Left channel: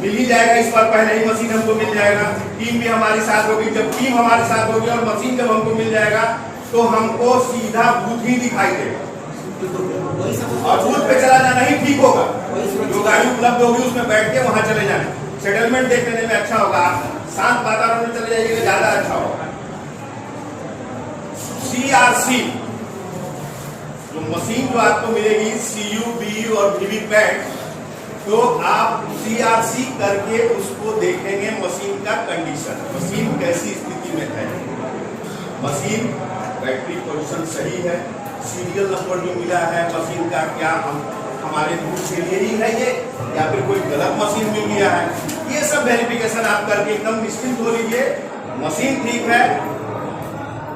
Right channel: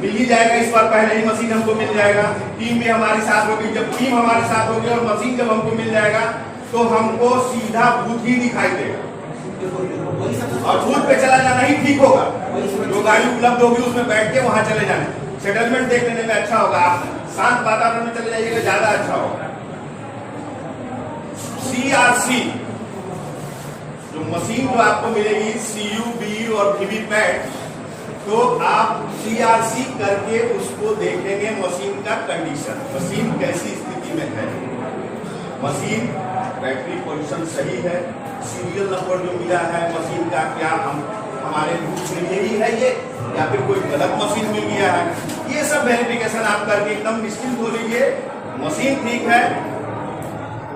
मिल ही जाएगा। इस बार पहले ही मशीन हमको मिल जाएगा। टीम भी हमारे साथ होगी। जब टीम हमारे साथ होगी और मशीन जब हमको मिल जाएगा तो हमको सीधा बूथ ही दिखाई देगा और बूथ पे चला जाना ही ठीक होगा। जो गाड़ी उपलब्ध होगी उसमें बैठ के वहां चले जाना। सेटलमेंट देख लेने में अच्छा होगा। आप शांत वातावरण में चले जाइएगा, ज्यादा अच्छा होगा। CRC जो मशीन जो आपको मिलेगी, CUB और वीवीपैट, तो आप CRC करके उसको देखेंगे मशीन का कंडीशन, मशीन कैसी स्थिति में है, मशीन बैटरी पोजीशन सही है, सीरियल नंबर जो मिला है मशीन का क्या हमारे रूट के लिए ही है ये या फिर कोई गलत मशीन मिल गया है। ये सब वेरिफिकेशन आप करके एकदम निश्चिंत हो लीजिए। मशीन ठीक है।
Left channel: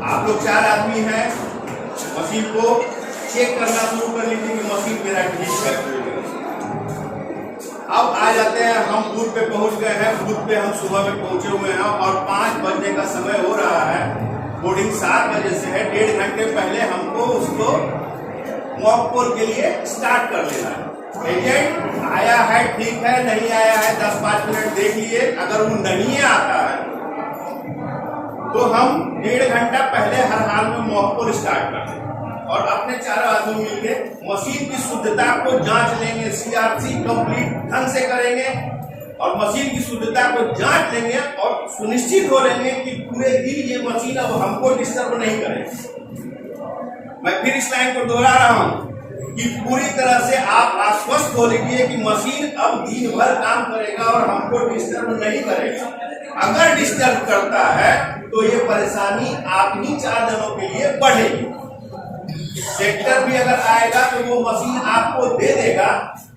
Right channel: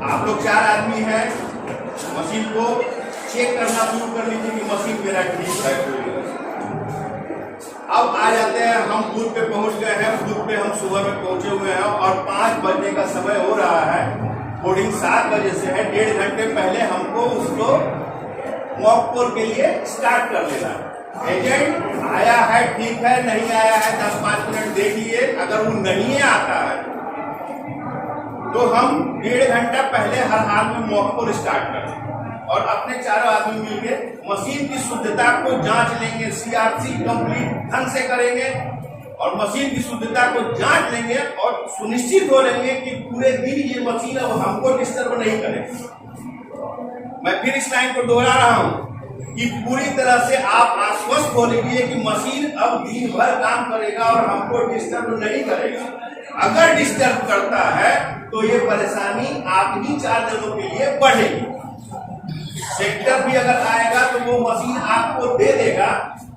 आप लोग 4 आदमी हैं, मशीन को चेक करना शुरू कर लीजिए कि मशीन मेरा ठीक है। अब आ जाते हैं, हम बूथ पे पहुंच गए हैं। बूथ पे हम सुबह में पहुंचे हुए हैं और 5 बजने का समय हो रहा है। बोर्डिंग 7 बजे से है। 1.5 घंटे पहले हमको उसको मॉक पोल के लिए स्टार्ट कर लेना है। एजेंट आया है, ठीक है, नहीं आया है 10-5 मिनट देख लिए। अगर वो नहीं आता है तो हम 1.5 घंटा पहले हर हाल में मॉक पोल स्टार्ट कर देंगे और अपने 4 आदमी मिलके मशीन की शुद्धता को जांच लेंगे। CRC कंप्लीट ढंग से करेंगे और मशीन की शुद्धता को जांच लेंगे और सुनिश्चित हो लेंगे कि पूरे दिन ये मशीन अब हमको डिस्टर्ब नहीं करेगी। मैं फिर इस लाइन को दोहरा रहा हूं कि पूरी तरह से आप आश्वस्त हो लीजिए कि मशीन अब दिन भर काम करेगा और हमको डिस्टर्ब नहीं करेगा। अगर डिस्टर्ब करता है तो ये परेशानी आपकी 4 दिनों के लिए बढ़ेगी। सेक्टर भी अगर आएगा तो वो मशीन आपको दे देगा,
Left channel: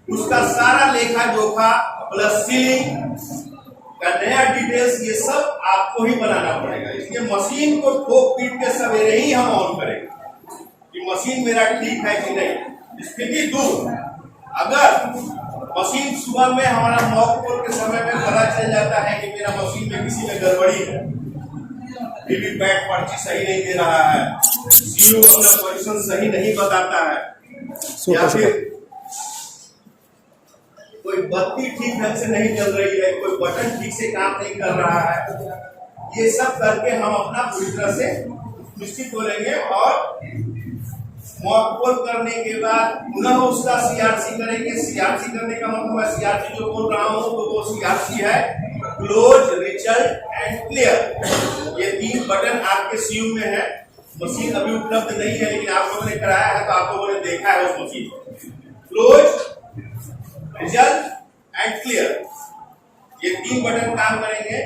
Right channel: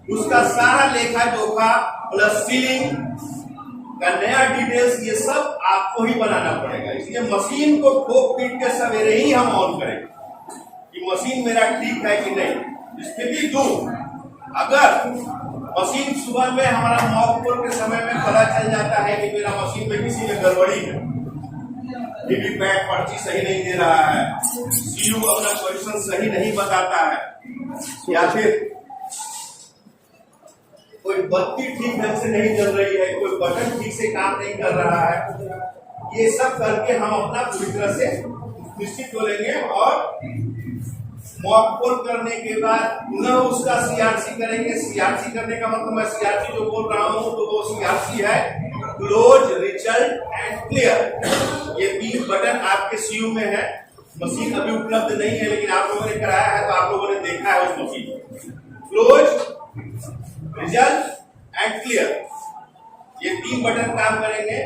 उसका सारा लेखा जोखा प्लस सीलिंग का नया डिटेल्स ये सब आपको ही बनाना पड़ेगा। इसलिए मशीन को ठोक पीट के सवेरे ही हम ऑन करेंगे कि मशीन मेरा ठीक है कि नहीं। स्थिति 2, अगर मशीन सुबह में हमारा मॉक पोल के समय में पता चल जाता है कि मेरा मशीन में किसी में गड़बड़ी है, वीवीपैट पर्ची सही नहीं दे रहा है, CU अपना पोजीशन सही नहीं बताता है, या फिर कोई बत्ती ठीक ढंग से नहीं जल रही है, कोई बटन ठीक से काम नहीं कर रहा है, ये सब करके हम अपना पूरी तरह से निश्चित हो लेंगे और मॉक पोल करने के बाद पुनः उसका CRC करेंगे। CRC करने का मतलब मैं CRC जो बोल रहा हूं तो वो CRC है क्लोज, रिजल्ट एंड क्लियर। ये 3 बटन आपके CU में है। मशीन अभी उपलब्ध नहीं है लेकिन आप लोगों ने कराया है तो आप लोगों ने देखा है उस मशीन को। क्लोज, रिजल्ट एंड क्लियर, ये 3 बटन काम करेंगे।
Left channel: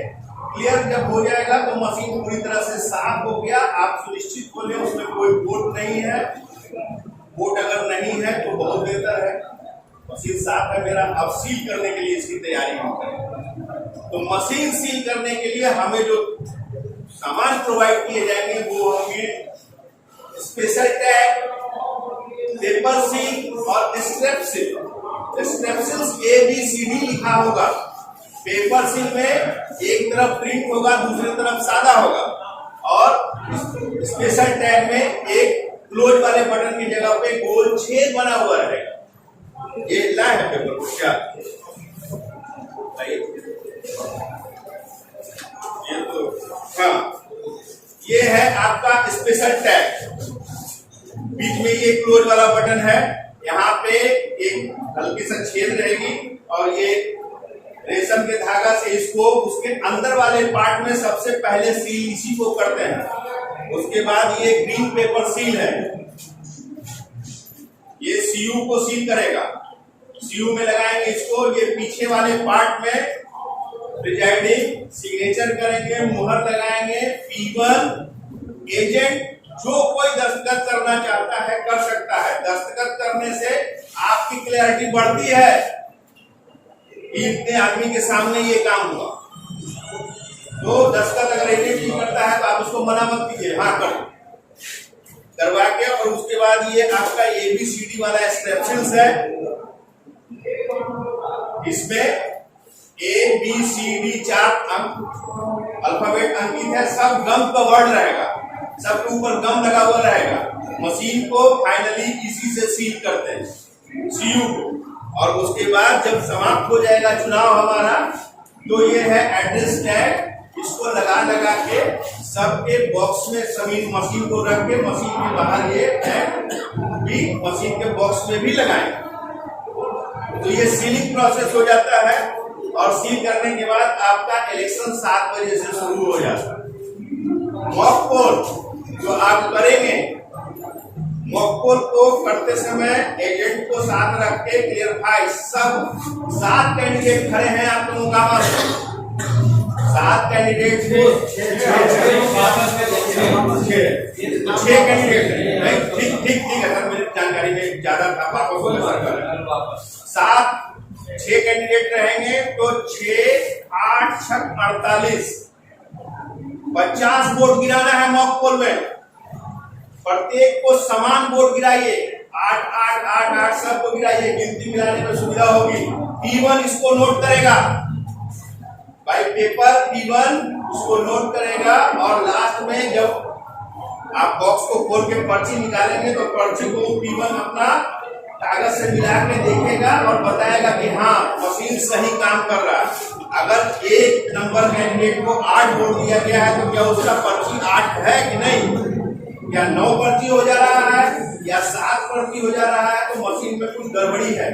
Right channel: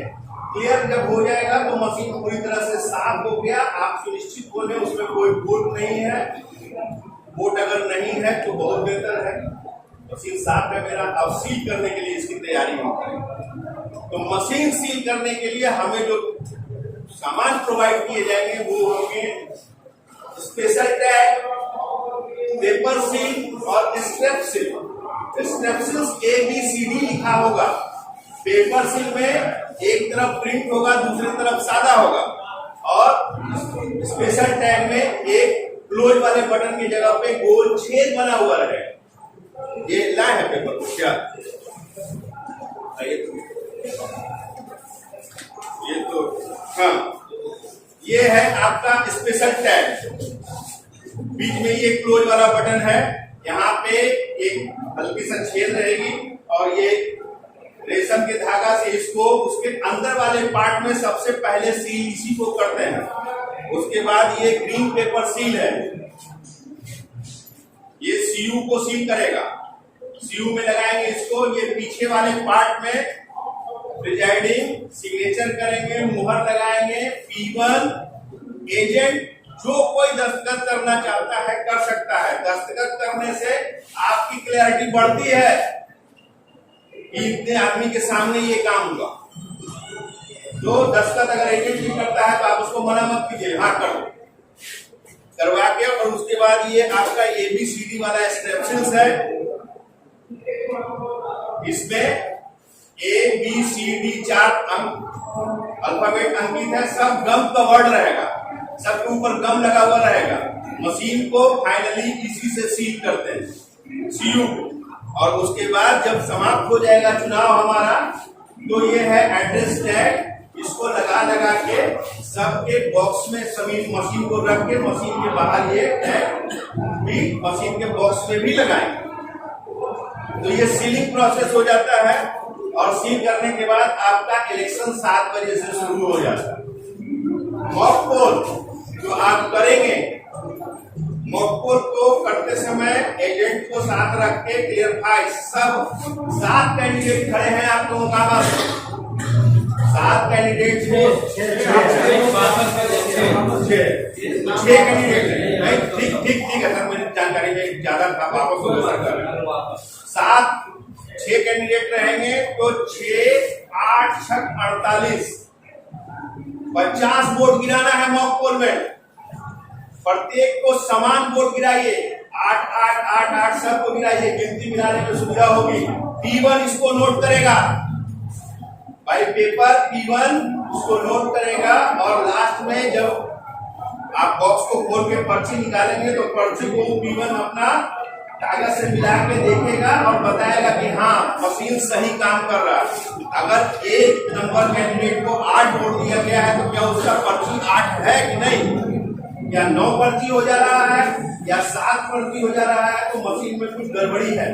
क्लियर जब हो जाएगा तो मशीन पूरी तरह से साफ हो गया। आप सुनिश्चित हो लें उसमें कोई बोट नहीं है। बोट अगर नहीं है तो बहुत बेहतर है। मशीन साफ है मेरा। अब सील करने के लिए इसकी तैयारी हम करेंगे। तो मशीन सील करने के लिए हमें जो सामान प्रोवाइड किए जाएंगे वो होंगे स्पेशल टैग, पेपर सील और strap seal. Strap seal ABCD लिखा होगा। पेपर सील में एक तरफ प्रिंट होगा, दूसरी तरफ सादा होगा और स्पेशल टैग में एक क्लोज वाले बटन की जगह पे गोल छेद बना हुआ रहेगा। ये लाए है पेपर को क्या? ये तो हाँ, ये है आपका स्पेशल टैग। बीच में ये क्लोज वाला बटन है। यहाँ पे एक हल्की सा छेद रहेगी और ये रेशम के धागा से इसको उसके अंदर वाले पार्ट में सबसे पहले सील इसी को करते हैं। उसके बाद ये ग्रीन पेपर सील है, ये CU को सील करेगा। CU में लगाएंगे इसको। ये पीछे वाले पार्ट में प्रिजाइडिंग सिग्नेचर करेंगे, मुहर लगाएंगे। P1 एजेंट जो कोई दस्तखत करना चाहता है कर सकता है। दस्तखत करने से आपकी क्लैरिटी बढ़ती है कि इतने आदमी के सामने ये काम हुआ। तो दस्तखत अगर एजेंट ही करता है तो आप उसको मना मत कीजिए, हाँ कर दो, करवा के। और उसके बाद ये आपका ABCD वाला स्ट्रेप्सिल्स है। इसमें ABCD 4 अंक अल्फाबेट अंकित है। सब गम का वर्ड रहेगा, सबके ऊपर गम लगा हुआ रहेगा। मशीन को फाइनली इसी से सील करते हैं CU को। और उसके बाद जब समाप्त हो जाएगा चुनाव हमारा, तो ये है एड्रेस टैग, इसको लगा के सबके बॉक्स में मशीन को रख के मशीन के बाहर ये टैग भी मशीन के बॉक्स में भी लगाएंगे। तो ये सीलिंग प्रोसेस हो जाता है और सील करने के बाद आपका इलेक्शन 7 बजे से शुरू हो जाता है। मॉक पोल जो आप करेंगे, मॉक पोल को करते समय एजेंट को साथ रख के क्लियरफाई, सब 7 कैंडिडेट खड़े हैं आप लोगों का पास, 7 कैंडिडेट थे, 6 कैंडिडेट नहीं, ठीक है सर, मेरी जानकारी में ज्यादा था, वापस हो गया सर। 6 कैंडिडेट रहेंगे तो 6, 8, 6, 48, 50 वोट गिराना है मॉक पोल में। प्रत्येक को समान वोट गिराइए, 8, 8, 8, 8 सबको गिराइए, गिनती मिलाने में सुविधा होगी। P1 इसको नोट करेगा भाई, पेपर P1 इसको नोट करेगा और लास्ट में जब आप बॉक्स को खोल के पर्ची निकालेंगे तो पर्ची को P1 अपना कागज से मिला के देखेगा और बताएगा कि हाँ मशीन सही काम कर रहा है। अगर 1 नंबर कैंडिडेट को 8 वोट दिया गया है तो क्या उसका पर्ची 8 है कि नहीं, या 9 पर्ची हो जा रहा है या 7 पर्ची हो जा रहा है, तो मशीन में कुछ गड़बड़ी है।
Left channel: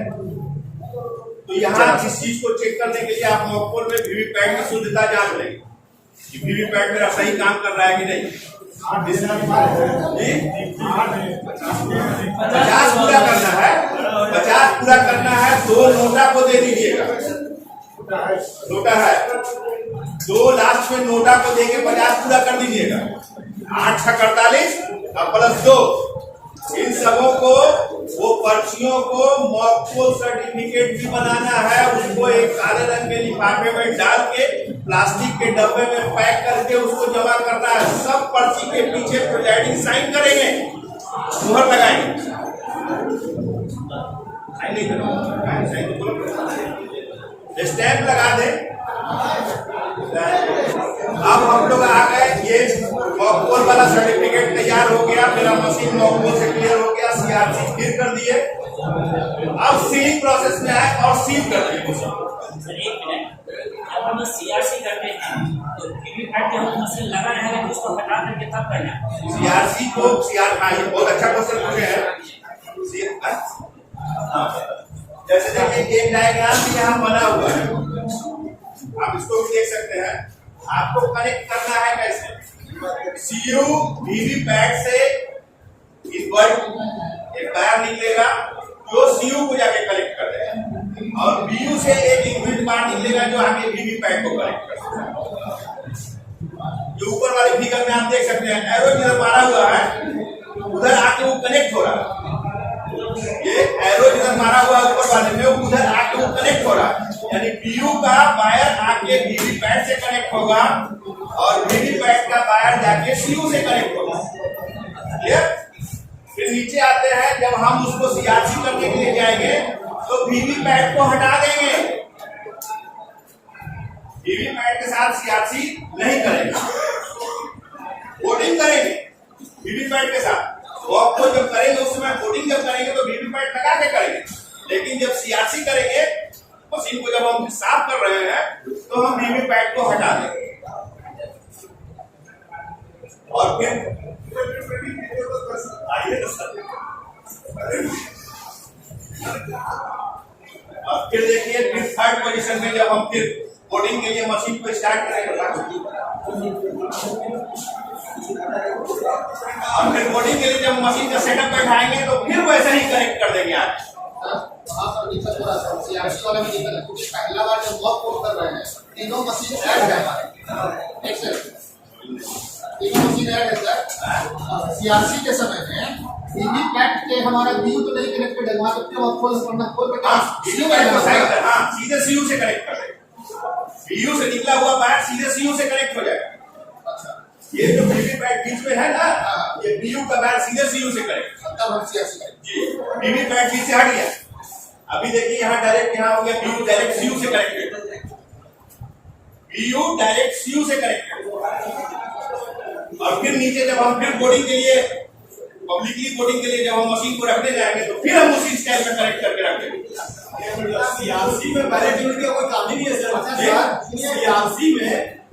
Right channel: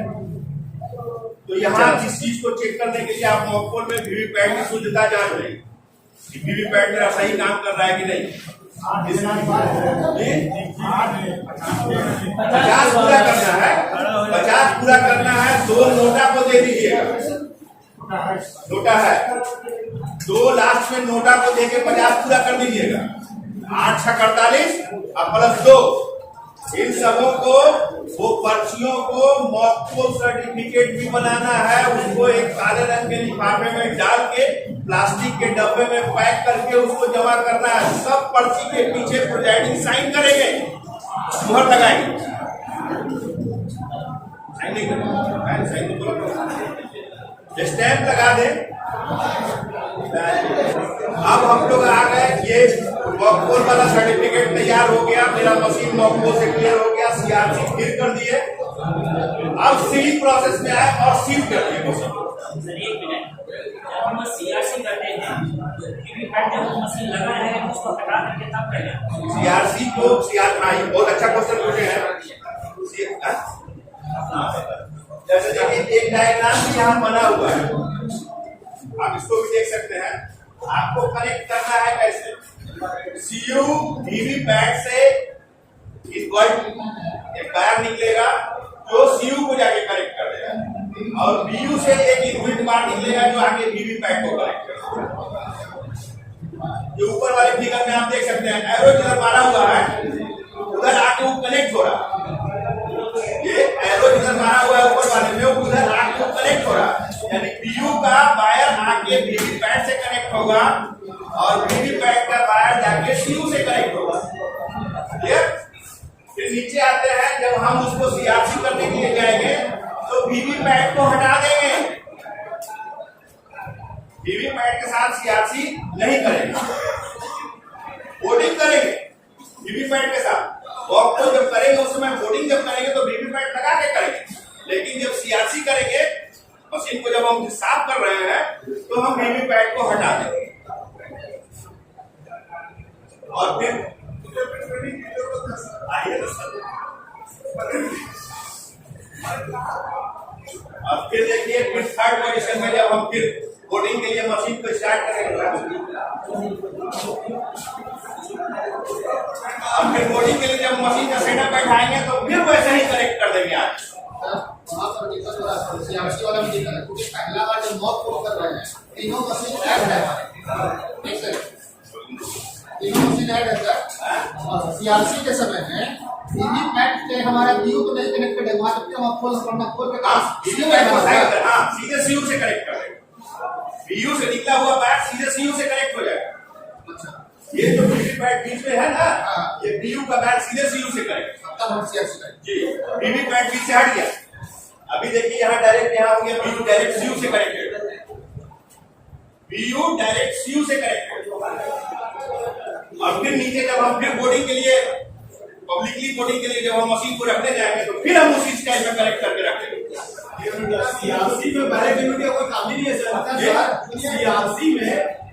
तो यहाँ इस चीज को चेक करने के लिए आप मॉक पोल में वीवीपैट की शुद्धता जांच लेंगे कि वीवीपैट मेरा सही काम कर रहा है कि नहीं। 50 पूरा करना है, 50 पूरा करना है। 2 नोटा को दे दीजिएगा, नोटा है 2, लास्ट में नोटा को देके 50 पूरा कर दीजिएगा। 8, 6, 48 और +2, इन सबों को, वो पर्चियों को मॉक पोल सर्टिफिकेट भी बनाना है। उसको एक काले रंग के लिफाफे में डाल के प्लास्टिक के डब्बे में पैक करके उसको जमा करना है। सब पर्ची के पीछे प्रोजाइडिंग साइन करेंगे, मुहर लगाएंगे, साइन नहीं करना, साइन तो स्टैंप लगा दे। अब हम लोग आ गए, ये मॉक पोल वाला सर्टिफिकेट तैयार हो गया, मेरा मशीन मॉक पोल से क्लियर हो गया, सीआरसी फिर कर दिए। अब सीलिंग प्रोसेस में आए और सील कर दिए मशीन। एक मिनट, जब हम सीआरसी करते हैं तो वीवीपैट जब मशीन लगा है तो उसको हटा करके तब करना सीआरसी को हाँ, ये बहुत अच्छा क्वेश्चन पूछे हैं। जैसे देखिए एक डायग्राम भी यहाँ बना हुआ है, आप इसको भी देख सकते हैं। आपको कनेक्ट करना है कैसे, सीयू वीवीपैट से एक वायर निकलेगा जो सीयू को जाके कनेक्ट कर देगा और बीयू से एक इनबिल्ट बार निकलेगा जो आगे वीवीपैट को कनेक्ट कर देगा। ये ऊपर वाली फिगर में आप देख सकते हैं, एरो जिधर मारा हुआ है उधर आके वो कनेक्ट हो रहा है। ये एरो जिधर मारा हुआ है ऊपर वाले में, उधर आके वो कनेक्ट हो रहा है, यानी बीयू का वायर आके वीवीपैट से कनेक्ट होगा और वीवीपैट का वायर जाके सीयू से कनेक्ट होगा। क्लियर? फिर नीचे आते हैं, जब हम उसको सीआरसी करने के लिए जाएंगे तो वीवीपैट को हटा देंगे, वीवीपैट के साथ सीआरसी नहीं करेंगे, वोटिंग करेंगे वीवीपैट के साथ। वॉक को जब करेंगे उस समय वोटिंग जब करेंगे तो वीवीपैट लगा के करेंगे, लेकिन जब सीआरसी करेंगे मशीन को जब हम साफ कर रहे हैं तो हम वीवीपैट को हटा देंगे और फिर अब फिर देखिए, फिर 3rd पोजीशन में जब हम फिर वोटिंग के लिए मशीन को स्टार्ट करेंगे और फिर वोटिंग के लिए जब मशीन का सेटअप बैठाएंगे तो फिर वैसे ही कनेक्ट कर देंगे। आज सीआरसी वाला में दिक्कत है क्योंकि पहला बार जब मॉक पोल कर रहे हैं तीनों मशीन ऐड है हमारे, तीनों मशीन ऐड है सर। सीआरसी के समय में वीवीपैट के हमारा बीयू तो नहीं कनेक्टेड है, वहां तक हम खोल सीधे सीयू से कनेक्ट कर देंगे, बीयू से निकला हुआ वायर सीधे सीयू से कनेक्ट हो जाएगा। अच्छा, ये जो वीवीपैट बीच में है ना, ये बीयू का वायर सीधे सीयू से कनेक्ट, तब हम सीआरसी करेंगे जी। वीवीपैट बीच से हट गया, अभी देखिए यहाँ डायरेक्ट यहाँ हो गया, बीयू डायरेक्ट सीयू से कनेक्टेड, बीयू डायरेक्ट सीयू से कनेक्टेड। और फिर नीचे जब हम फिर वोटिंग के लिए, पब्लिकली वोटिंग के लिए जब हम मशीन को रखने जाएंगे तो फिर हम उसी स्टाइल में कनेक्ट करके रखेंगे। सीआरसी में बैलेट यूनिट का कोई काम ही नहीं है सर। सीआरसी में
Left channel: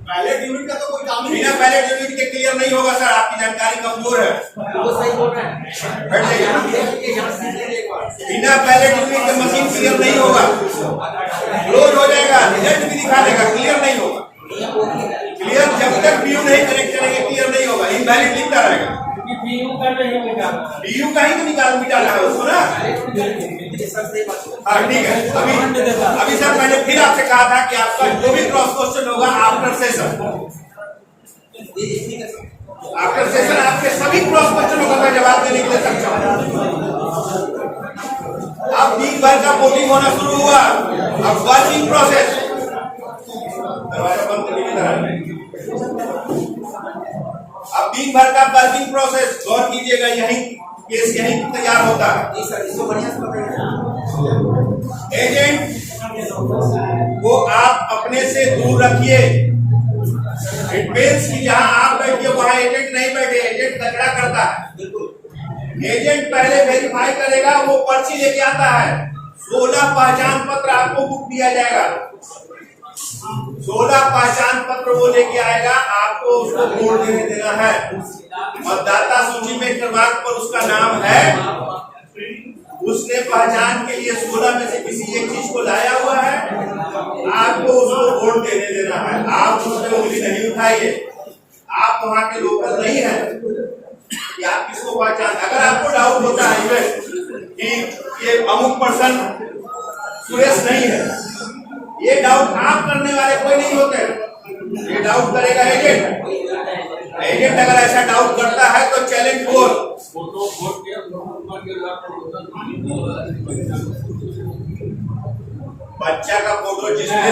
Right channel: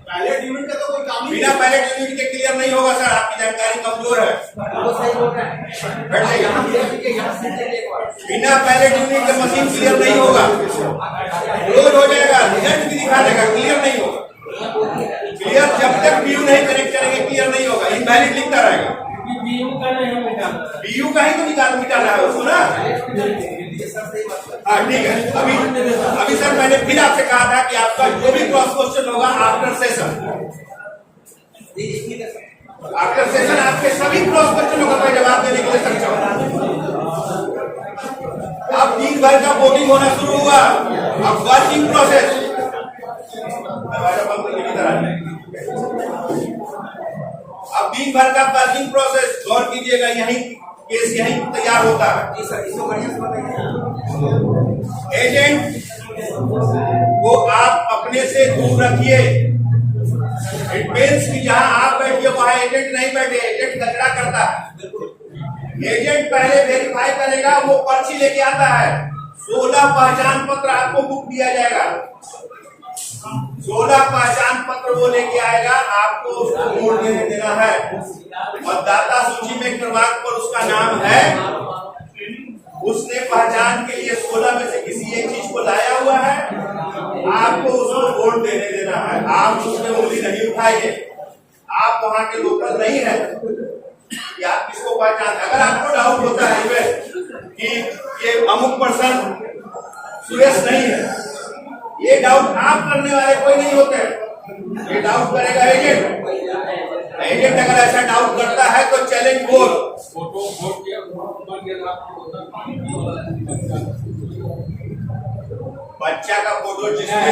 बैलेट यूनिट का तो कोई काम ही नहीं बिना है। बैलेट यूनिट के क्लियर नहीं होगा सर, आपकी जानकारी कमजोर है। वो सही बोल रहे हैं। बैठ जाइए। यहाँ से एक बार। बिना बैलेट यूनिट के मशीन क्लियर नहीं होगा, क्लोज हो जाएगा, रिजल्ट भी दिखा देगा, क्लियर नहीं होगा। क्लियर जब तक पीयू नहीं कनेक्ट करेंगे क्लियर नहीं होगा, इनवैलिड लिखता रहेगा। पीयू का ही तो मिटाना है उसको ना। हाँ ठीक है। अभी सर मैंने फिर आपसे कहा था कि आपका जो भी क्रॉस क्वेश्चन होगा आफ्टर सेशन आपके सभी क्रॉस क्वेश्चनों का मैं जवाब देने के लिए सक्षम हूँ। अब दिन भर का वोटिंग होना शुरू हुआ, अब वर्किंग प्रोसेस। दरवाजा बंद करके इधर आइए। अब दिन भर का वर्किंग प्रोसेस गौर कीजिएगा, यही केस यही तैयार होता है। जी सर, इसको बढ़िया से बताइए। एजेंट को आप अपने से दूर रखिए। इट मीन्स कि जहां आप बैठिए वहां एजेंट नहीं बैठे, एजेंट कचरा करता है। एजेंट पहले वेरीफाई करेगा, वो पर्ची लेके आता है। 16 पहचान पत्र आपको बुक दिया जाएगा, 16 पहचान पत्र वो लेके आएगा, आपको उसको वोट देने देना है। मतदाता सूची में क्रमांक पर उसका नाम है, उसने पहचान के लिए 16 में से किसी एक चीज को लाया हुआ है, आपको उसको वोट देने देना है। आप उसमें उंगली नहीं उठाइए, आप वहां के लोकल नहीं है कि आप किसको पहचान। अगर आपको डाउट होता है कि ये अमुक पर्सन सुरेश नहीं है, ये डाउट आप करने वाले कोई नहीं होते, ये डाउट करेगा एजेंट। एजेंट अगर ऐसा डाउट करता है तो चैलेंज बोल। बच्चा का फोटो जिसने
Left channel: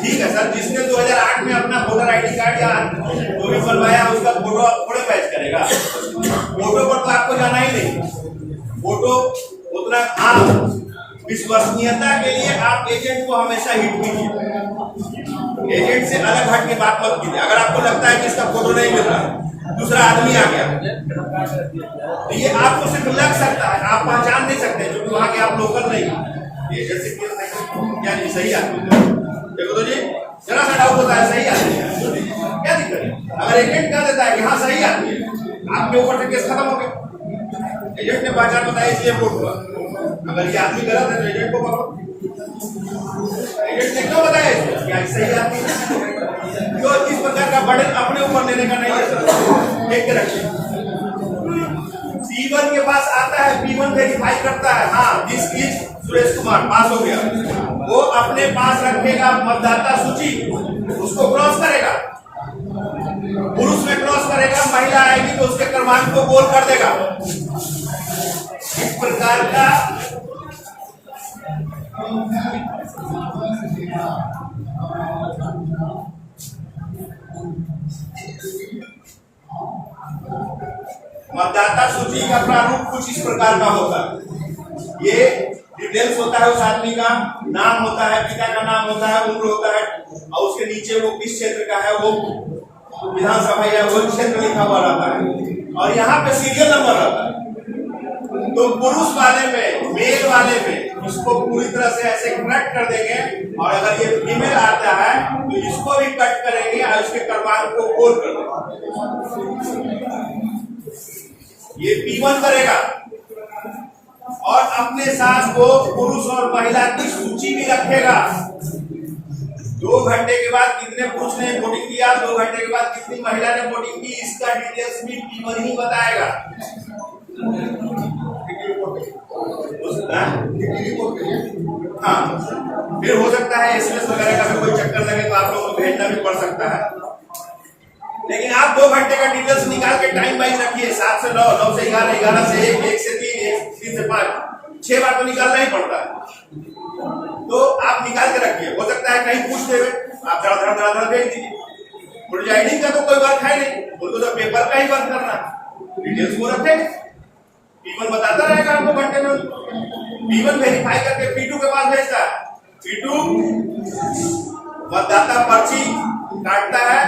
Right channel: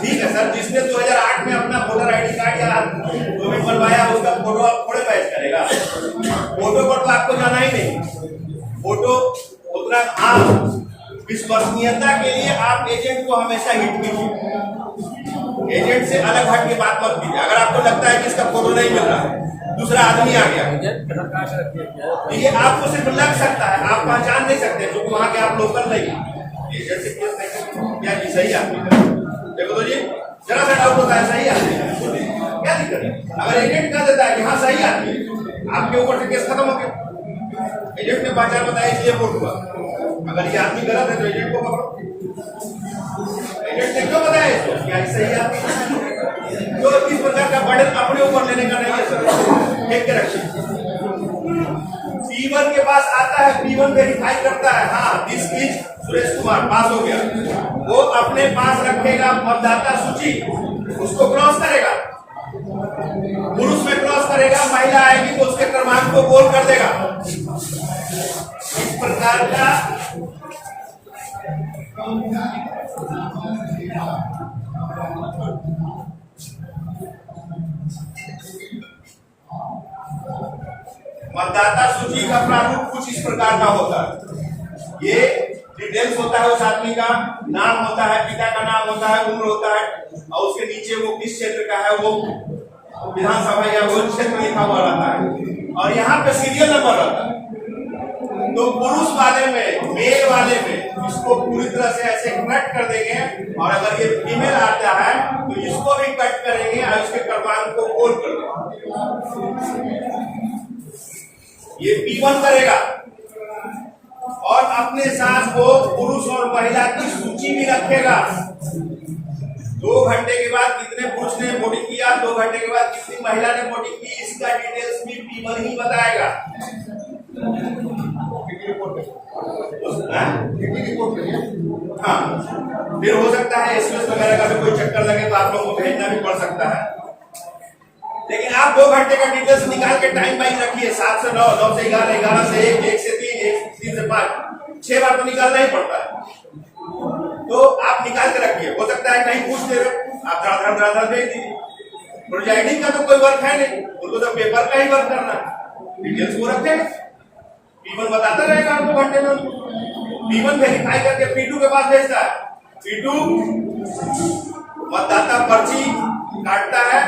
ठीक है सर, जिसने 2008 में अपना वोटर आईडी कार्ड या जो भी बनवाया उसका फोटो आप थोड़े पैच करेगा। फोटो पर तो आपको जाना ही नहीं। फोटो उतना हाँ, विश्वसनीयता के लिए आप एजेंट को हमेशा हिट कीजिए, एजेंट से अलग हट के बात मत कीजिए। अगर आपको लगता है कि इसका फोटो नहीं मिल रहा, दूसरा आदमी आ गया, तो ये आपको सिर्फ लग सकता है, आप पहचान नहीं सकते क्योंकि वहां के आप लोकल नहीं। एजेंट से क्या जी सही आदमी देखो तो जी, जरा सा डाउट होता है सही आदमी है, क्या दिक्कत है? अगर एजेंट कह देता है कि हाँ सही आदमी है, आपके ऊपर से केस खत्म हो गया। एजेंट ने पहचान बताया इसलिए वोट हुआ। अगर ये आदमी गलत है तो एजेंट को पकड़ो। एजेंट ने क्यों बताया इसको क्या सही आदमी है? जो इस प्रकार का बर्डन अपने ऊपर लेने का नहीं है सर, देख के रखिए। P1 के पास आता है, P1 वेरीफाई करता है, हाँ दिस इज सुरेश कुमार, पास हो गया। वो अपने पास रखेगा मतदाता सूची, उसको क्रॉस करेगा, पुरुष में क्रॉस करेगा, महिला आएगी तो उसके क्रमांक को गोल कर देगा। इस प्रकार का मतदाता सूची का प्रारूप कुछ इस प्रकार का होता है। ये डिटेल्स होता है, उस आदमी का नाम होता है, पिता का नाम होता है, उम्र होता है, और उसके नीचे वो किस क्षेत्र का है, वो विधानसभा या वो क्षेत्र लिखा हुआ रहता है, और यहाँ पे सीरियल नंबर रहता है। तो पुरुष वाले में, मेल वाले में इसको पूरी तरह से ऐसे कट कर देंगे, और अगर ये फीमेल आता है तो इसको भी कट करेंगे और इसके क्रमांक को गोल कर देंगे। ये P1 करेगा और अपने साथ वो पुरुष और महिला की सूची भी रखेगा। 2 घंटे के बाद कितने पुरुष ने वोटिंग किया, 2 घंटे के बाद कितनी महिला ने वोटिंग की, इसका डिटेल्स भी P1 ही बताएगा। हाँ, फिर हो सकता है एसएमएस वगैरह का भी कोई चक्कर लगे तो आप लोगों को भेजना भी पड़ सकता है, लेकिन आप 2 घंटे का डिटेल्स निकाल के टाइम वाइज रखिए। 7 से 9, 9 से 11, 11 से 1, 1 से 3, 3 से 5, 6 बार तो निकालना ही पड़ता है। तो आप निकाल के रखिए, हो सकता है कहीं पूछ देवे, आप धड़ भेज दीजिए। प्रोजाइडिंग का तो कोई वर्क है नहीं, उनको तो पेपर का ही वर्क करना है, डिटेल्स वो रखेंगे, P1 बताता रहेगा आपको घंटे में। P1 वेरीफाई करके P2 के पास भेजता है, P2 मतदाता पर्ची काटता है,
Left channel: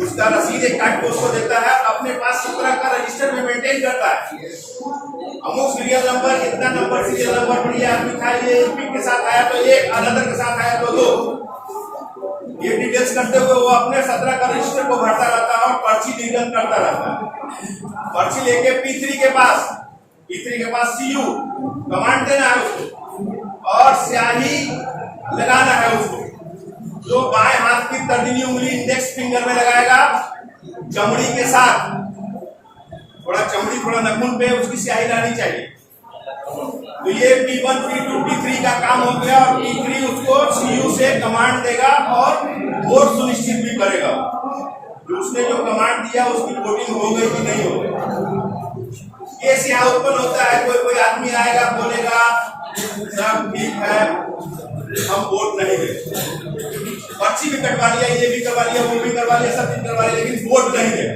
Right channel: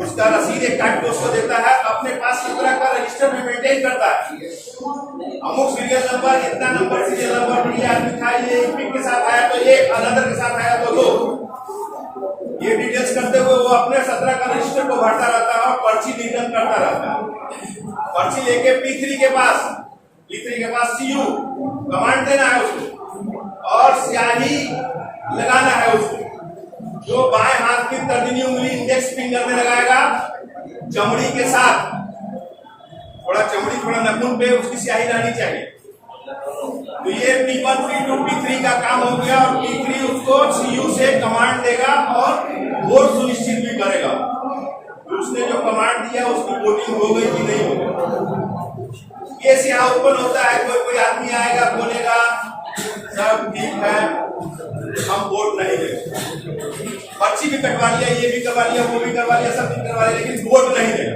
उसका रसीद एक काट के उसको देता है, अपने पास 17 का रजिस्टर में मेंटेन करता है। अमुक सीरियल नंबर, इतना नंबर सीरियल नंबर पर ये आदमी था, ये पिक के साथ आया तो एक, अनदर के साथ आया तो 2, ये डिटेल्स करते हुए वो अपने 17 का रजिस्टर को भरता रहता है और पर्ची रिटर्न करता रहता है। पर्ची लेके P3 के पास CU कमांड देना है उसको और स्याही लगाना है उसको, जो बाएं हाथ की तर्जनी उंगली इंडेक्स फिंगर में लगाएगा चमड़ी के साथ, थोड़ा चमड़ी थोड़ा नाखून पे उसकी स्याही रहनी चाहिए। तो ये P1 P2 P3 का काम हो गया और P3 उसको CU से कमांड देगा और वोट सुनिश्चित भी करेगा कि उसने जो कमांड दिया उसकी वोटिंग हो गई कि नहीं हो गई। केस यहाँ उत्पन्न होता है, कोई आदमी आएगा बोलेगा सब ठीक है हम वोट नहीं देंगे, पर्ची भी कटवा लिया, ये भी करवा लिया, वो भी करवा लिया, सब चीज करवा लिया, लेकिन वोट नहीं देगा,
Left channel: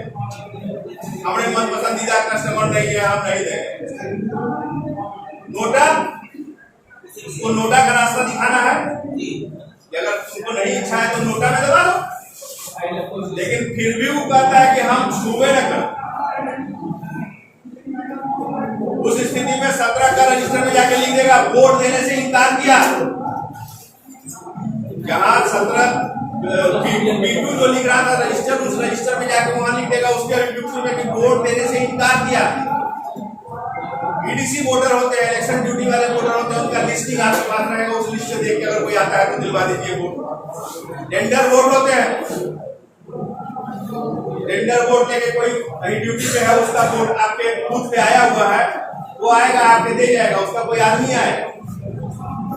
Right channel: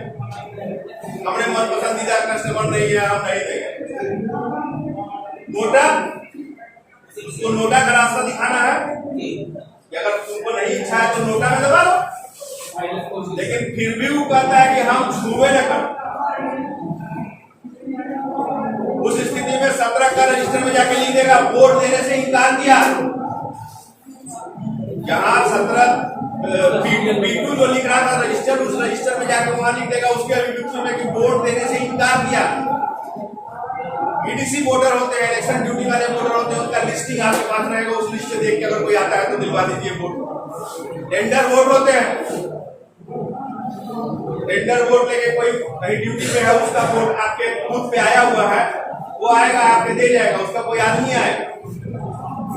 हमारे मन पसंदीदा कस्टमर नहीं है, हम नहीं देंगे। नोटा, उसको नोटा का रास्ता दिखाना है कि अगर तुमको नहीं इच्छा है तो नोटा में दबा दो, लेकिन फिर भी वो कहता है कि हम छूबे न कर। उस स्थिति में 17 का रजिस्टर में जाके लिख देगा वोट देने से इनकार किया। जहां 17 P2 जो लिख रहा था रजिस्टर, उस रजिस्टर में जाके वहां लिख देगा उसके अभियुक्त में कि वोट देने से इनकार किया। EDC वोटर होते हैं, इलेक्शन ड्यूटी वाले वोटर होते हैं, उनका लिस्टिंग आपके पास रहेगा, उस लिस्ट से देख के अगर कोई आता है तो दिलवा दीजिए वोट। टेंडर वोट होते हैं, टेंडर वोट लेके कोई कहीं ड्यूटी पे है, उसका वोट आपके बूथ पे आया हुआ है, वो आएगा आपके दे जाएगा, उसका कोई आदमी आएगा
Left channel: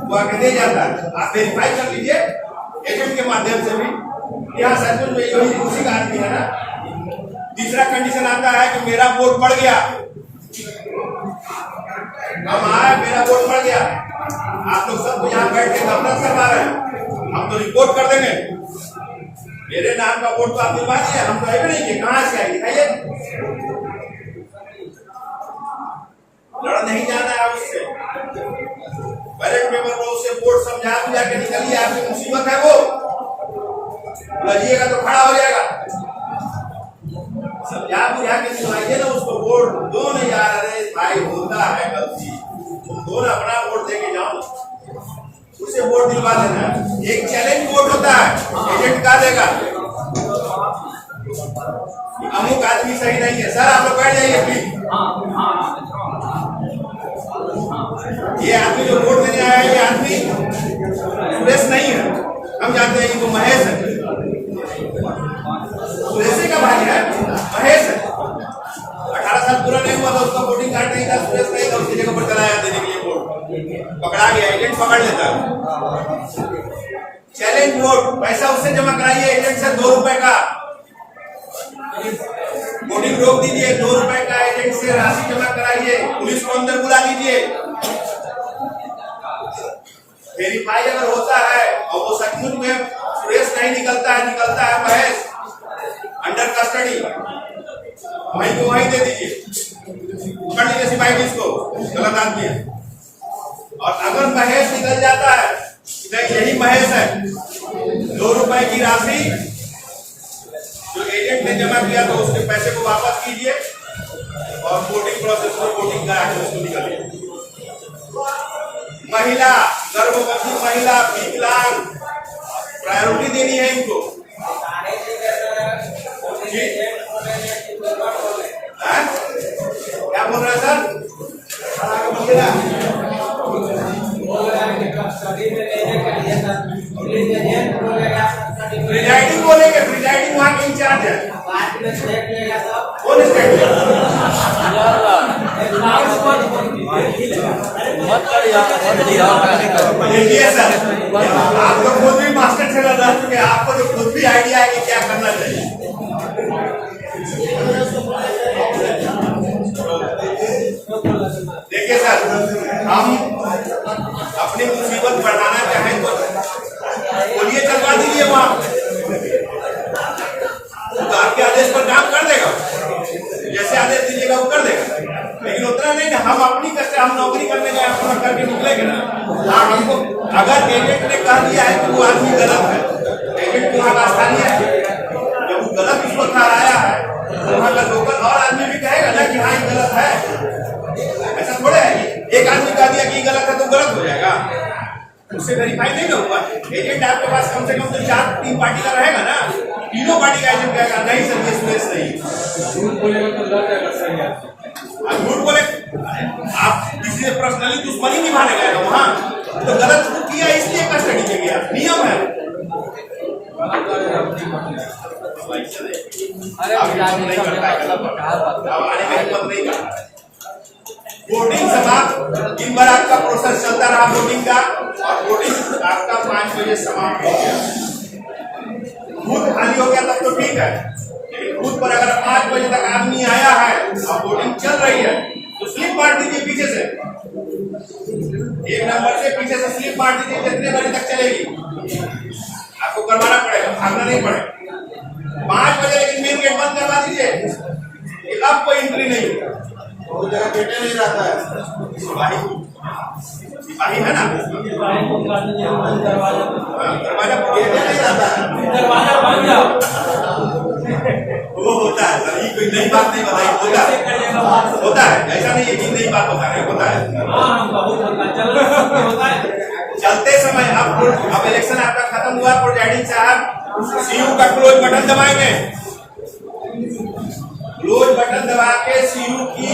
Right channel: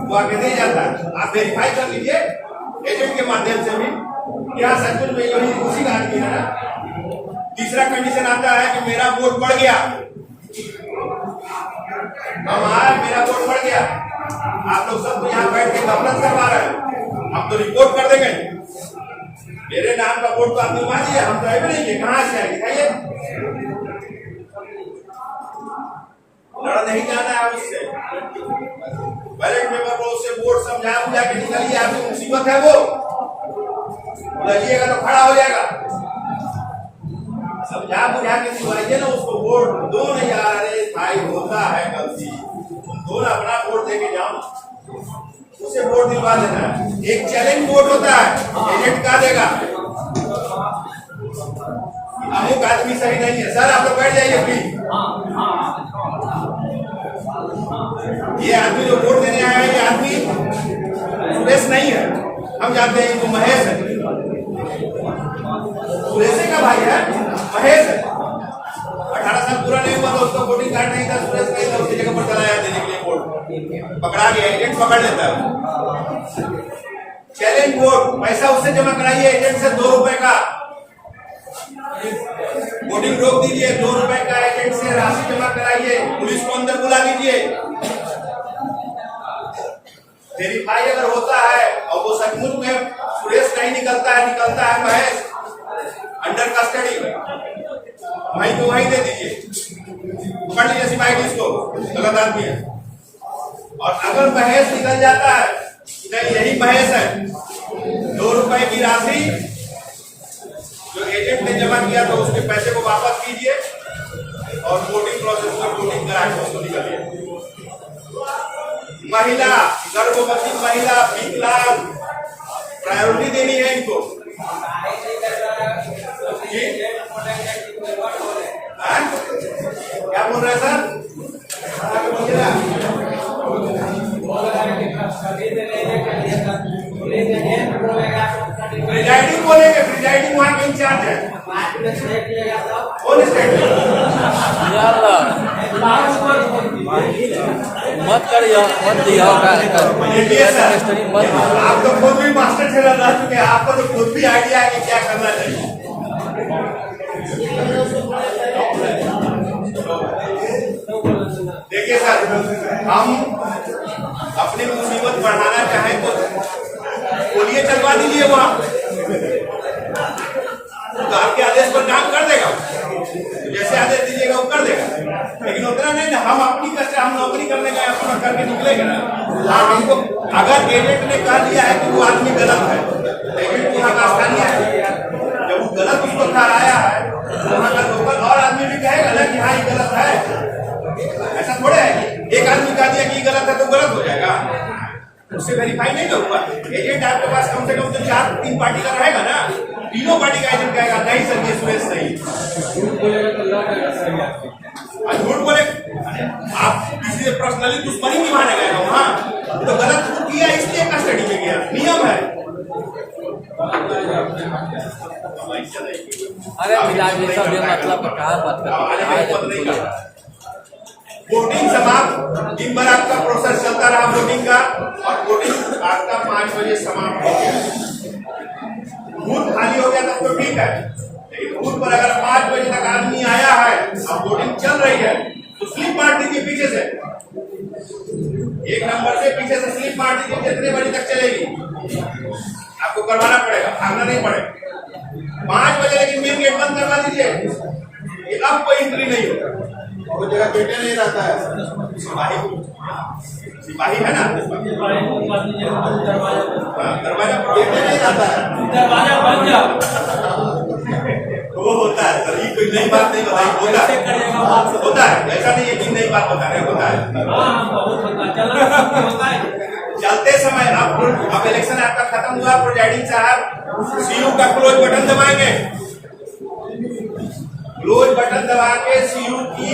वो आके दे जाता है। आप वेरीफाई कर लीजिए एजेंट के माध्यम से भी यहाँ सचमुच में यही उसी का आदमी है ना। तीसरा कंडीशन आता है कि मेरा वोट बढ़ गया, हम आए मेरा वोट बढ़ गया, आप लोग सब तो यहाँ बैठ के गफलत करवा रहे हैं, हम तो रिपोर्ट कर देंगे, मेरे नाम का वोट तो आप दिलवा दिए, हम तो आए नहीं किए, कहाँ से आए दिखाइए। लड़ नहीं जाना है उससे, बैलेट पेपर पर उससे वोट समझा बुझा के निकलिए, आपकी मुसीबत है वो लड़िएगा तो खड़ा हो जाएगा, समझा बुझा के निकलाइए ना उसको, वोट दो नहीं आ रहे भाई, होता है गलती, तुम दो ना अपना वोट देके जाओ ना, उसे वोट दिलवा देना है। एक चैलेंज वोट होता है, एजेंट का देगा अमुक आदमी सही नहीं है, सर आप लोग बैठ जाइए प्लीज, ये आदमी जो वोट देने आया है ये आदमी सुरेश नहीं है, हम जानते हैं इनको महेश है, सुरेश का भाई है महेश है, 18 साल पूरा नहीं हुआ तो उसका वोटिंग कार्ड नहीं था, सुरेश नहीं था, उसकी जगह पर चलाया देने के लिए वोट, पकड़ा गया, एजेंट पकड़ लेता है। चैलेंज वोट, पैसा उससे जमा कराइए एजेंट से 2 रुपए का, वोटिंग रोक दीजिए, 2 रुपए का एजेंट से राशि जमा कराइए, पुलिस को अंदर बुला लीजिए, वेरीफाई अगर होता है और वो सचमुच में सुरेश नहीं निकलता है महेश अंडर कस्टडी, वहीं को वहीं दे दीजिए, पकड़ लीजिए सिपाही इसको, गलत आदमी है। और अगर महेश निकल जाता है तो यही महेश है, 2 रुपए की राशि जो एजेंट ने जमा किया तो उसके पैसे को वापस कीजिए और वोटिंग प्रोसेस में वोटिंग करा के उसको निकालिए। महिला, गर्भवती महिला, विकलांग, प्रायोरिटी देनी है इनको जी। क्या बोल रहे हैं सर? प्रिजाइडिंग बोलेंगे, प्रिजाइडिंग वहाँ के इंचार्ज है, कौन स्टेट देखिए सर, आप तो खुद भी मास्टर ट्रेनर रह चुके हैं, आपको तो खुद भी आइडिया है कि क्या करना चाहिए। देखिए सर, हम अपनी मुसीबत बढ़ाना चाहें तो बोलिए, चलवा दीजिए वहां, तो आपके आदेश पर काम कर देगा, जैसे आदेश दीजिएगा वो कर देगा, लेकिन उतना नहीं ना, हम अपनी कष्ट, हम नौकरी करने गए अपना करके निकलेंगे ना। हाँ, हमको अगर एजेंट ने कह दिया है कि वो आदमी गलत है, एजेंट वहां का स्थानीय है, जब वो गलत उसको ठहराया है तो वहाँ का लोकल और आदमी भी कहेगा ना कि हाँ ये गलत है। ऐसा थोड़े है कि एक आदमी कह दिया कि ये गलत है तो गलत हो जाएगा, उससे वेरीफाई नहीं ना हुआ। एजेंट आपके पास कम से कम तो 4-3 पार्टी का रहेगा ना, तीनों पार्टी का एजेंट कहेगा नहीं सर ये सुरेश नहीं। झूठ बोलेगा तो लग जाएगा सर आपके। झूठ बोले आप किसी से पर्सनली दुश्मनी निभाने गए ना वहाँ तो गलत किया इसलिए कस्टडी में गया, नियम है। वोटिंग समाप्त, दिन भर आपका प्रोसेस चलता रहा वोटिंग का और वोटिंग आपका 5 बजे समाप्त हो गया। बूथ खाली हो गया तब तो ठीक है, लेकिन बूथ पर अगर 5 बजे तक आदमी आया है और वोटिंग चल रही है तो स्लिप मार दीजिए पीछे से, 1 नंबर से पीछे से स्लिप मार दीजिए, कितने बजे तक चलेगी आपको करवाना पड़ेगा, भागना नहीं पड़ेगा। 5 बजे लेकिन मेन गेट बंद करवा दीजिए, अब कोई एंट्री नहीं होगा। वो जगह बेटे नहीं रहता है, सिपाही है ना, दरवाजा बेटे नहीं रहता है। वो होता है सर, ये कोई नई बात नहीं बताई, होता है, ऐसा नहीं है कि नई बात बता रहे, होता है। चलते समय अब इलेक्शन आपका खत्म हुआ, प्रोजाइडिंग साहब सीयू का क्लोज बटन दबाएंगे, क्लोज बटन दबा के सीयू की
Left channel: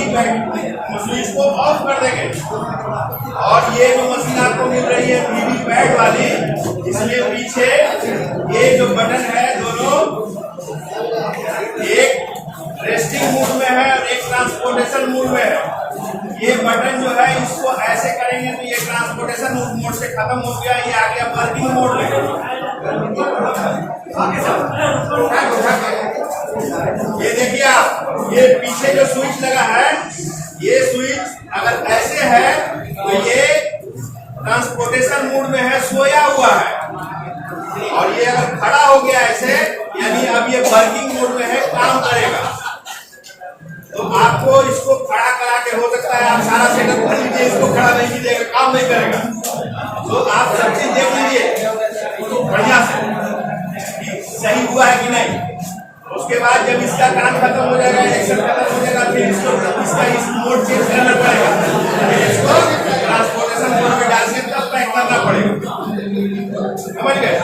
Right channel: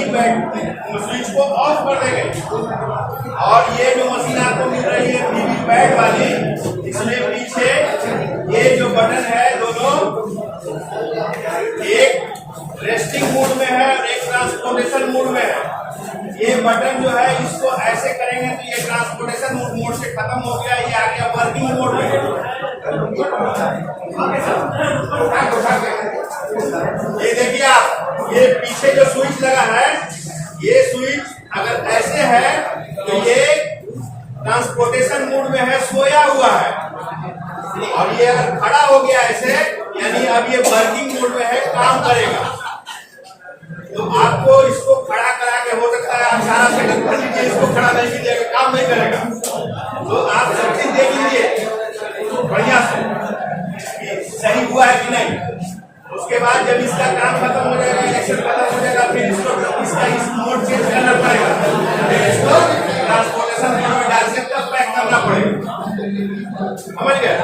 स्विच को ऑफ कर देंगे और ये जो मशीन आपको मिल रही है वीवीपैट वाली, इसमें पीछे ये जो बटन है दोनों, एक रेस्टिंग मोड में है और एक ट्रांसपोर्टेशन मोड में है। ये बटन जो है इसको ऐसे करेंगे तो ये ट्रांसपोर्टेशन मोड से खत्म हो गया, ये आ गया वर्किंग मोड में। ये देखिए आप, ये पीछे जो स्विच लगा है, ये स्विच अगर ऐसे है तो ये ट्रांसपोर्टेशन मोड में है, सोया हुआ है, और ये अगर खड़ा हो गया ऐसे यानी अब ये वर्किंग मोड में है, काम करेगा। तो आपको इसको खड़ा करा के हो सकता है आप सारा सेटअप कर लीजिए, इसको खड़ा नहीं कीजिएगा काम नहीं करेगा। तो आप सब चीज देख लीजिए बढ़िया से कि सही हुआ है कि नहीं। उसके बाद जब इसका काम खत्म हो जाएगा, इलेक्शन खत्म हो जाएगा, फिर इसका इस मोड चेंज करना पड़ेगा, फिर इसको ट्रांसपोर्टेशन मोड में डाल के तब पैक करना पड़ेगा। समझ गए?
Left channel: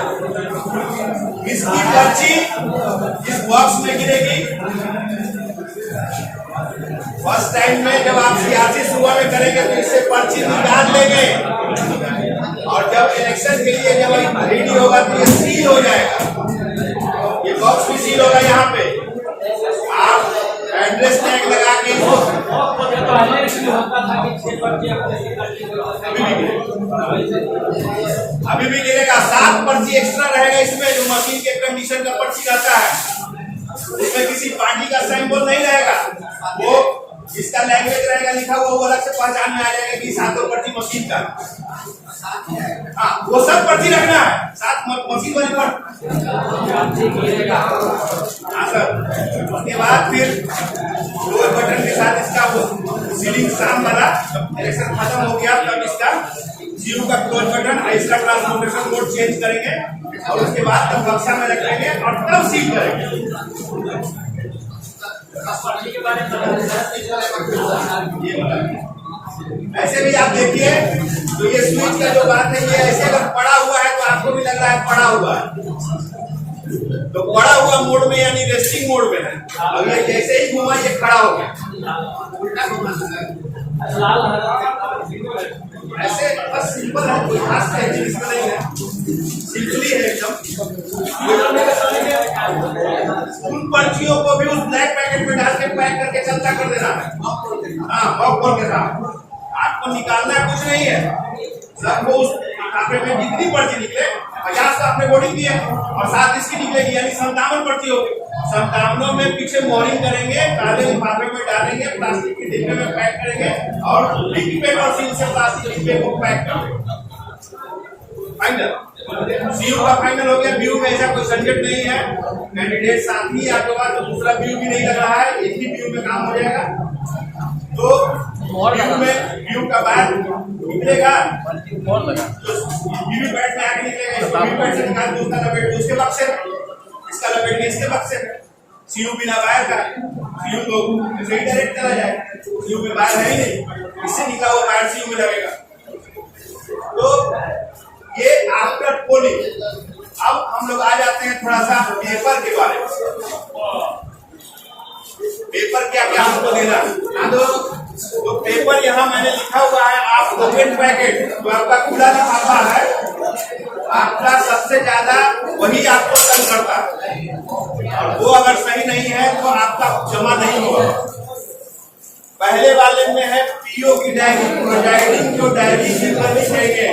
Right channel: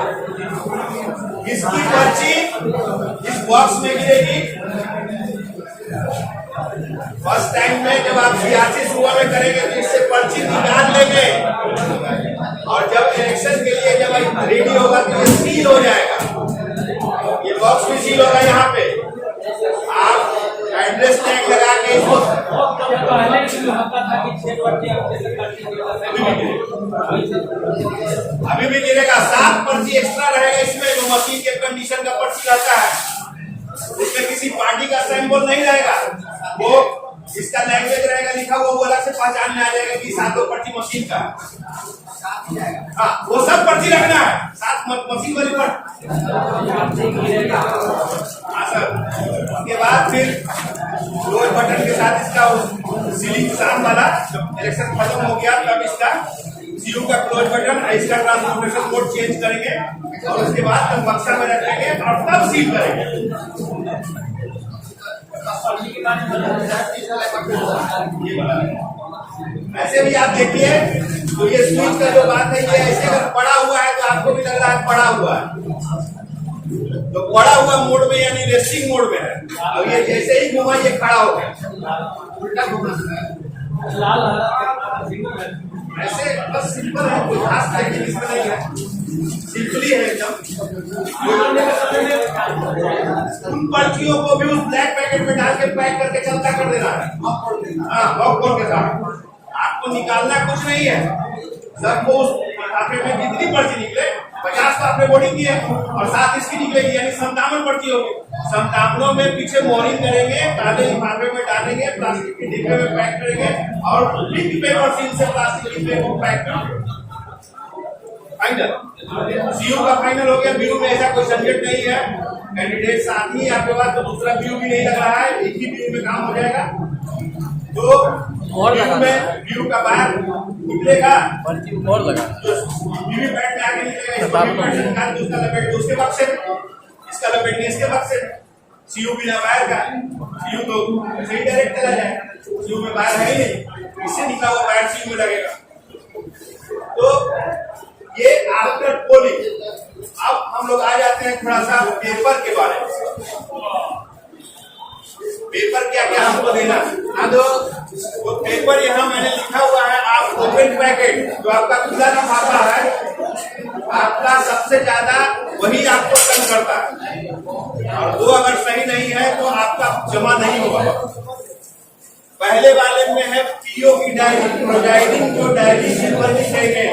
इसकी पर्ची इस बॉक्स में गिरेगी। फर्स्ट टाइम में जब आप सीआरसी सुबह में करेंगे तो इससे पर्ची निकाल लेंगे और जब इलेक्शन के लिए जब रेडी होगा तो ये सील हो जाएगा, ये बॉक्स भी सील होगा। यहाँ पे आप एड्रेस टैग लगा के इसको अभी भी गिरेगा। 7 पर्ची एक्स्ट्रा रहेगा इसमें, जो मशीन के कंडीशन का पर्ची रहता है उसमें किसी पार्टी का सिंबल नहीं रहेगा, वो इसका लैंग्वेज रहेगा लिखा हुआ, वो अलग से पहचान में आ जाएगा कि 7 पर्ची मशीन का। हाँ वो सब पर्ची रखना है, 7 मशीन वाली पर। हाँ सर, उसके बाद फिर क्लोज बटन के साथ इसका सीलिंग शाम वाला, जब इलेक्शन खत्म हो गया तब इसका सीयू का क्लोज बटन, इसका ट्रांसपोर्टेशन मोड चेंज करेंगे और उसके बाद तब बक्सा में रखेंगे और तब सील करेंगे। ऐसे भी आप देखिए तो ये स्विच का जो बात है, ये ऐसे अगर पड़ा हुआ है तो आपको भी लग रहा है पड़ा हुआ है, तो पड़ा हुआ मोड में यानी रेस्टिंग मोड में है। अब ये जैसे ही घुमा ये खड़ा हो गया, उल्टा घुमा ऐसे बस सिंपल है, कोई खास टेक्निक इसमें नहीं है, सिंपली है एकदम। उन पर्चियों को भी उस ब्लैक पैकेट में डाल के पैक करके चलता कर देना है। हाँ पॉपकॉर्न के साथ आपको निकालना कुछ नहीं है, सबको उस लिफाफे में जितनी पर्ची निकले 50 का आपने वोटिंग की है और 7 इसकी निकलेगी, यानी 57 पर्ची होगी। 57 में पीछे मोहरिंग करेंगे, काले लिफाफे में डालेंगे, प्लास्टिक के डिब्बे में पैक करेंगे और बिग पेपर सील से प्लास्टिक डिब्बे को पैक करेंगे। फाइनल सीयू का फाइनल हो गया। व्यू में ऐसा कोई झंझट नहीं है, कैंडिडेट साथ ही आपके पास, तो दूसरा व्यू भी नहीं लग रहा है, एक ही व्यू में काम हो जाएगा। तो व्यू में व्यू का बाहर निकलेगा जो वीवीपैट में आगे निकलेगा, इसको वीवीपैट से निकाल के उसका लपेट दो उसके बक्से में, इसका लपेट के इसके बक्से में, सीयू बिना वायर का, सीयू तो ऐसे ही डायरेक्ट चला जाएगा, सीयू में वायर है ही नहीं, इससे निकला हुआ वायर सीयू में लगेगा। तो ये आफ्टर पोलिंग। अब हम लोग आ जाते हैं थोड़ा सा पेपर के बारे में। पेपर क्या क्या हमको देना है, तो पेपर यहाँ मैंने लिखा हुआ है, आप ओपन पैकेट तो आपका खुला लिफाफा है, आपका सबसे ज्यादा वही आपको तंग करता है, और वो अगर सही नहीं है तो आपका जमा नहीं होगा। पहले वाले में है पीओ की डायरी, प्रोजाइडिंग जो डायरी कीपर लिखेंगे,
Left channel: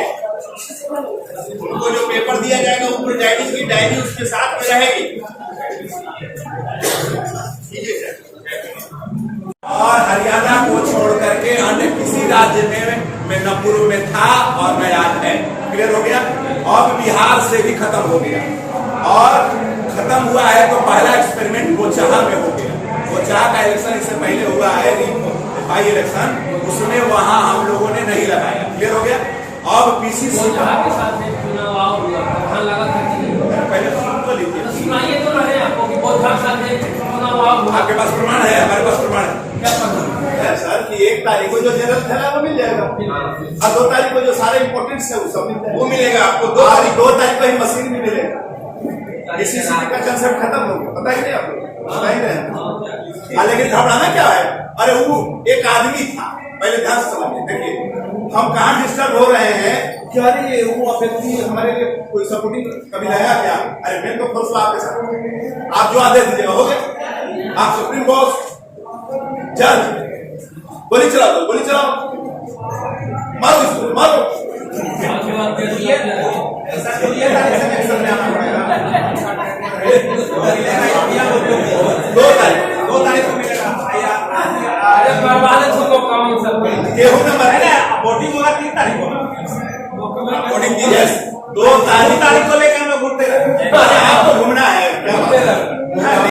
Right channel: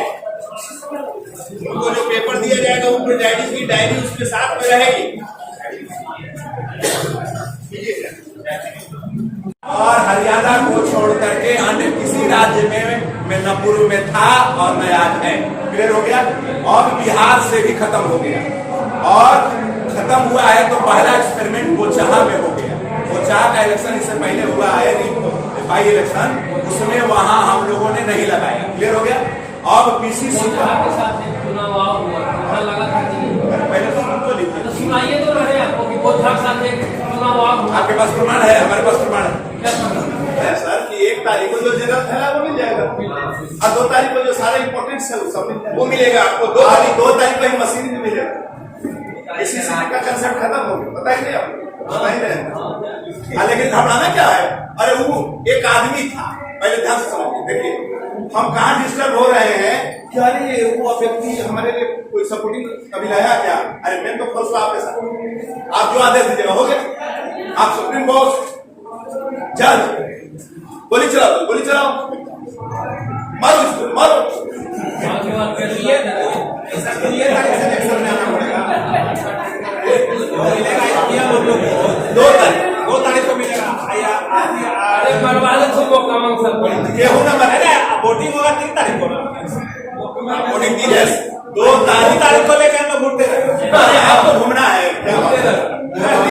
उनको जो पेपर दिया जाएगा वो प्रोजाइडिंग की डायरी उसके साथ में रहेगी। और हरियाणा को छोड़ करके अन्य किसी राज्य में न पूर्व में था और न आज है। क्लियर हो गया। अब बिहार से भी खत्म हो गया, और खत्म हुआ है तो पहला एक्सपेरिमेंट गोचाहा में हो गया। गोचाहा का इलेक्शन इससे पहले हुआ है बाई इलेक्शन, उसमें वहां हम लोगों ने नहीं लगाया। क्लियर हो गया। अब पीसीसी पहले सुन तो लीजिए, आपके पास प्रमाण है, हमारे पास प्रमाण है सर कि 1 तारीख को जो जरूरत है ना वो मिल जाएगा, और 2 तारीख को जो सारे इम्पोर्टेंट्स है वो सब मिल जाएगा, वो मिलेगा आपको। 2 तारीख को ही मशीन भी मिलेगा। एसीसी का कंसेप्ट खत्म हो गया, पता ही नहीं आपको, पता ही नहीं। लेकिन घबराना क्या है, अरे वो एक आदमी था, पहले ध्यान से समझिए। देखिए हम कहाँ डिस्टर्ब हो रहे हैं कि अरे वो व्यक्ति हमारे लिए कोई सपोर्टिंग कभी लाया क्या? अरे मैं तो फोर्स आपके साथ, आप जो आदेश दीजिएगा हो गया। आप सुप्रीम बॉस जज, गोली चलाओ, गोली चलाओ, मारो इसको, मारो। 2 तारीख को मिलेगा। गेहूं नंबर है ना, वोटिंग होगा 3 तारीख को, वोटिंग 2 तारीख को लेकर हमें वोट दे रहे हैं। आपको घूमना है क्या?